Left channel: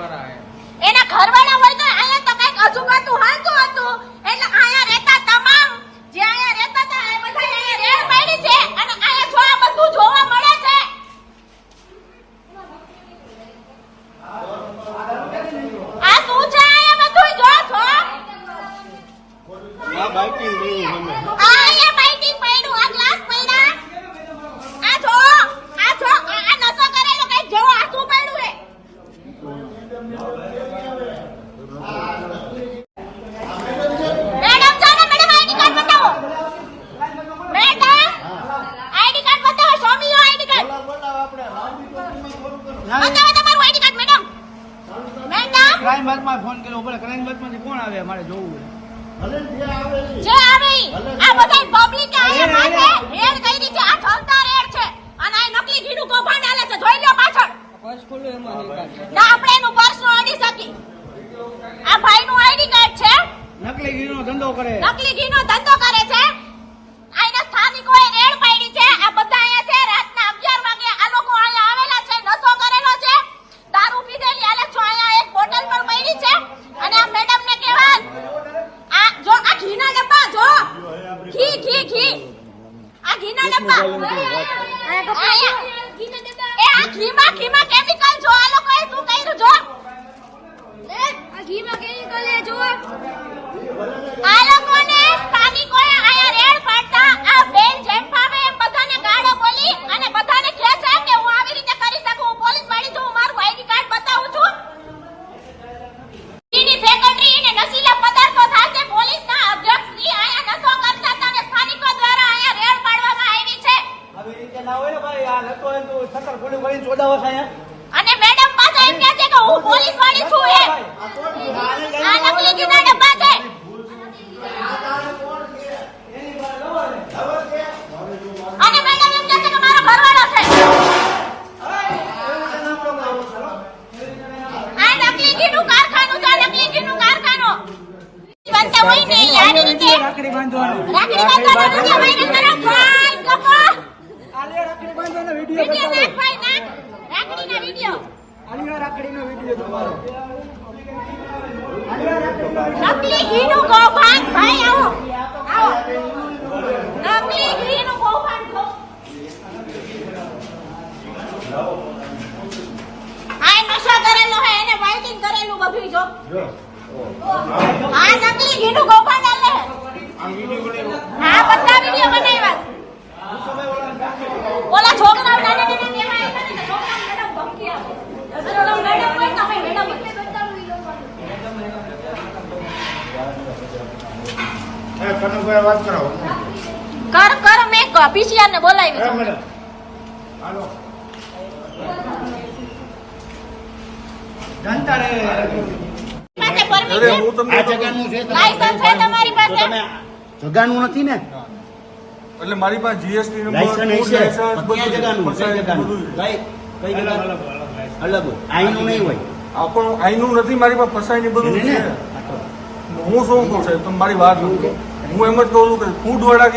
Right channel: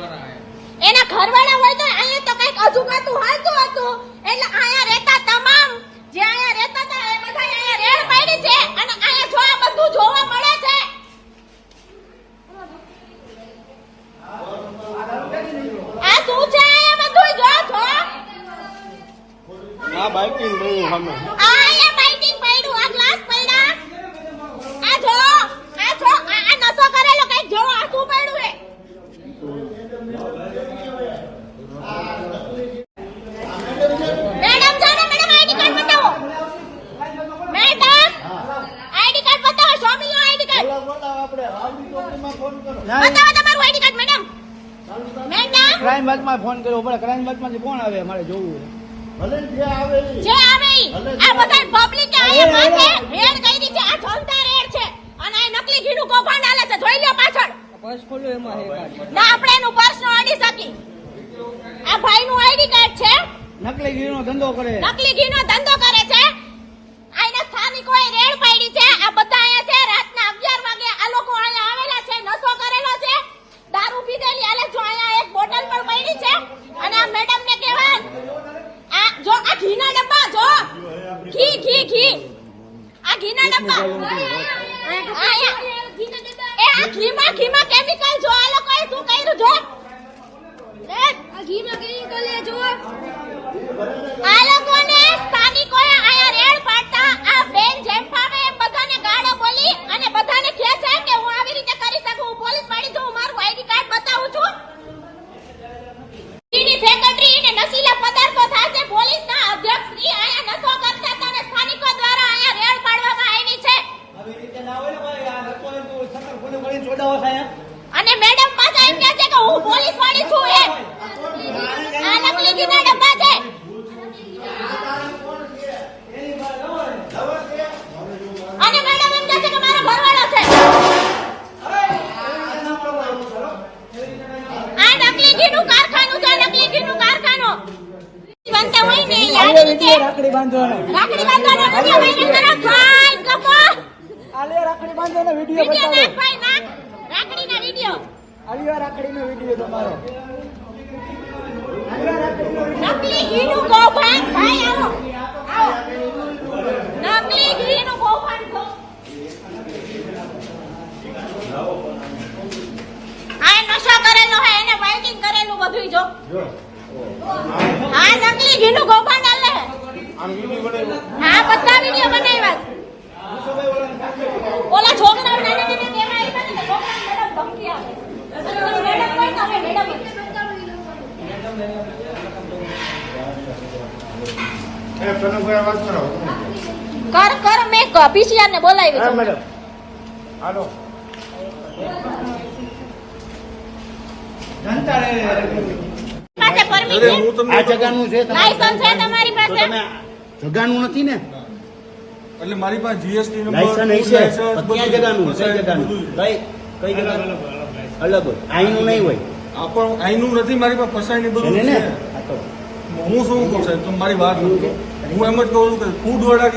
એના ઘરવાળા હોય તો અહીંયા તો કઈક અજુબાતું હાલતું હતું એટલે અહીંયા રહેતા તમામ જે અહીંયા રહેતા હતા એ બધા અહીંયા રેડ પાડી છે અને અહીંયા જો આ બધું જોવા મળે છે. આ શું છે અહીંયા બધું જો આ બાઇકિંગ ગયું અમે અહીંયા બાઇકિંગ પડ્યું આ ગ્લાસ પડ્યા આ જો આ નશો કરેલો કઈ જો આ શું પડ્યું છે. મેડમ જાને મેડમ આઈડી કાર્ડ બતાવો. મેડમ આઈડી કાર્ડ બતાવો. સોમી લો આઈડી કાર્ડ બતાવો તમારું ID card madam. Madam crime બાતમાં ફોન કર્યો પડે ક્રાઇમ બાતમાં કોણ આવે મારે જોવું જે આવે આ બધા પબ્લિક અહીંયા માથે રેડ કરી છે. આ ઠલતા રેડ છે અને આ નકલી ઘીનું કૌભાંડ આલે છે. જોઈ લો પાછળ ના આપણે એનું પર્સ નો આડી શકી. આ ભાઈ નું આઈડી કાર્ડ છે. નકલી ઘીનો ધંધો કરે નકલી ઘીનો ધંધો કરે છે. આના સ્થાનિકોએ રેડ પાડી છે. આ બધા અહીંયા છે રાતના 11 વાગે આ લોકો અહીંયા આવેલા છે. નશો કરેલો છે. દારૂ પીધેલી આલે જો અહીંયા એક બોટલ પણ પડી છે અને આ મેડમ ને કહેવાય આ જો આ ઘીના ડબ્બા જો ઘી આ ઘીના ડબ્બા આ કપડા ઘીના ડબ્બા એ આ ઘીમાં કેમિકલ જો આ લોકોએ શું કર્યું જો આ ઘીમાં કેમિકલ એ જો આ લોકોને સ્થાનિકોએ આયા રેડ પાડતા આ બેન જેઠામે એ બધાને ગાળો બોલી અને બધાને કહે છે કે હું આવી રીતે કરી શકું. હું પોલીસ વાળી છું. હું મારું આઈડી કાર્ડ બતાવું છું. ઈની ફેક્ટરી અને નશીલા પદાર્થો સાથે પોલીસના અધ્યક્ષ શ્રી આયા નશો કરતા હતા અને સ્થાનિકો દ્વારા આયા રેડ પાડવામાં આવી છે. આવી રીતે ના હોય ને ભાઈ આ નતો એમ તો સકલ ગોળી ગોળી છોડાવો થાય અને મેડમ પાછા એમ કહે છે કે હું પોલીસ વાળી છું. આ નકલી ઘીના ડબ્બા છે. અને મેડમ એમ કહે છે કે મારો ઘરવાળો છે. આ નકલી ઘીનું કારખાનું છે. નકલી ઘીનું કારખાનું બનતા હોય ને આવી રીતે રાખડી બાંધવાનો રાખડી બાંધવાનો આલે રાખડી બાંધવાનો વિડિયો બતાવો રાખડીનો વિડિયો આલિયા રાખડીનો વિડિયો તમારો નકલી ઘીનું કૌભાંડ ભાઈ આવો નકલી ઘીનું કૌભાંડ આ નશા કરેલો હે એને માઇકિંગ કરેલું બધું જો આ નકલી ઘીનું કૌભાંડ આલે હા બધા વિડિયો બનાવ્યા. ઓલા છોકરાઓ નાના નાના કેવા કર મેં પીસીઆર ને બોલાવી છે. મેડમ હાલો જનતા હું તમને આ જગાનું છે લાયસન્સ છે તમારી તો પાસે? તમે જગાનું નથી ને એટલે મારી પાસે જીએસટી લાયસન્સ ક્યાં જગાનું કઈ જગાનું કઈ જગાનું અલગ હોય આઈનું નહીં હોય પણ આઈનું નથી મારી પાસે ફસાઈ ને બધું છે. હું શું કહું સાહેબ તમે મારી વાત નથી. હું એમ જ કહું છું કે ફૂડ વાળા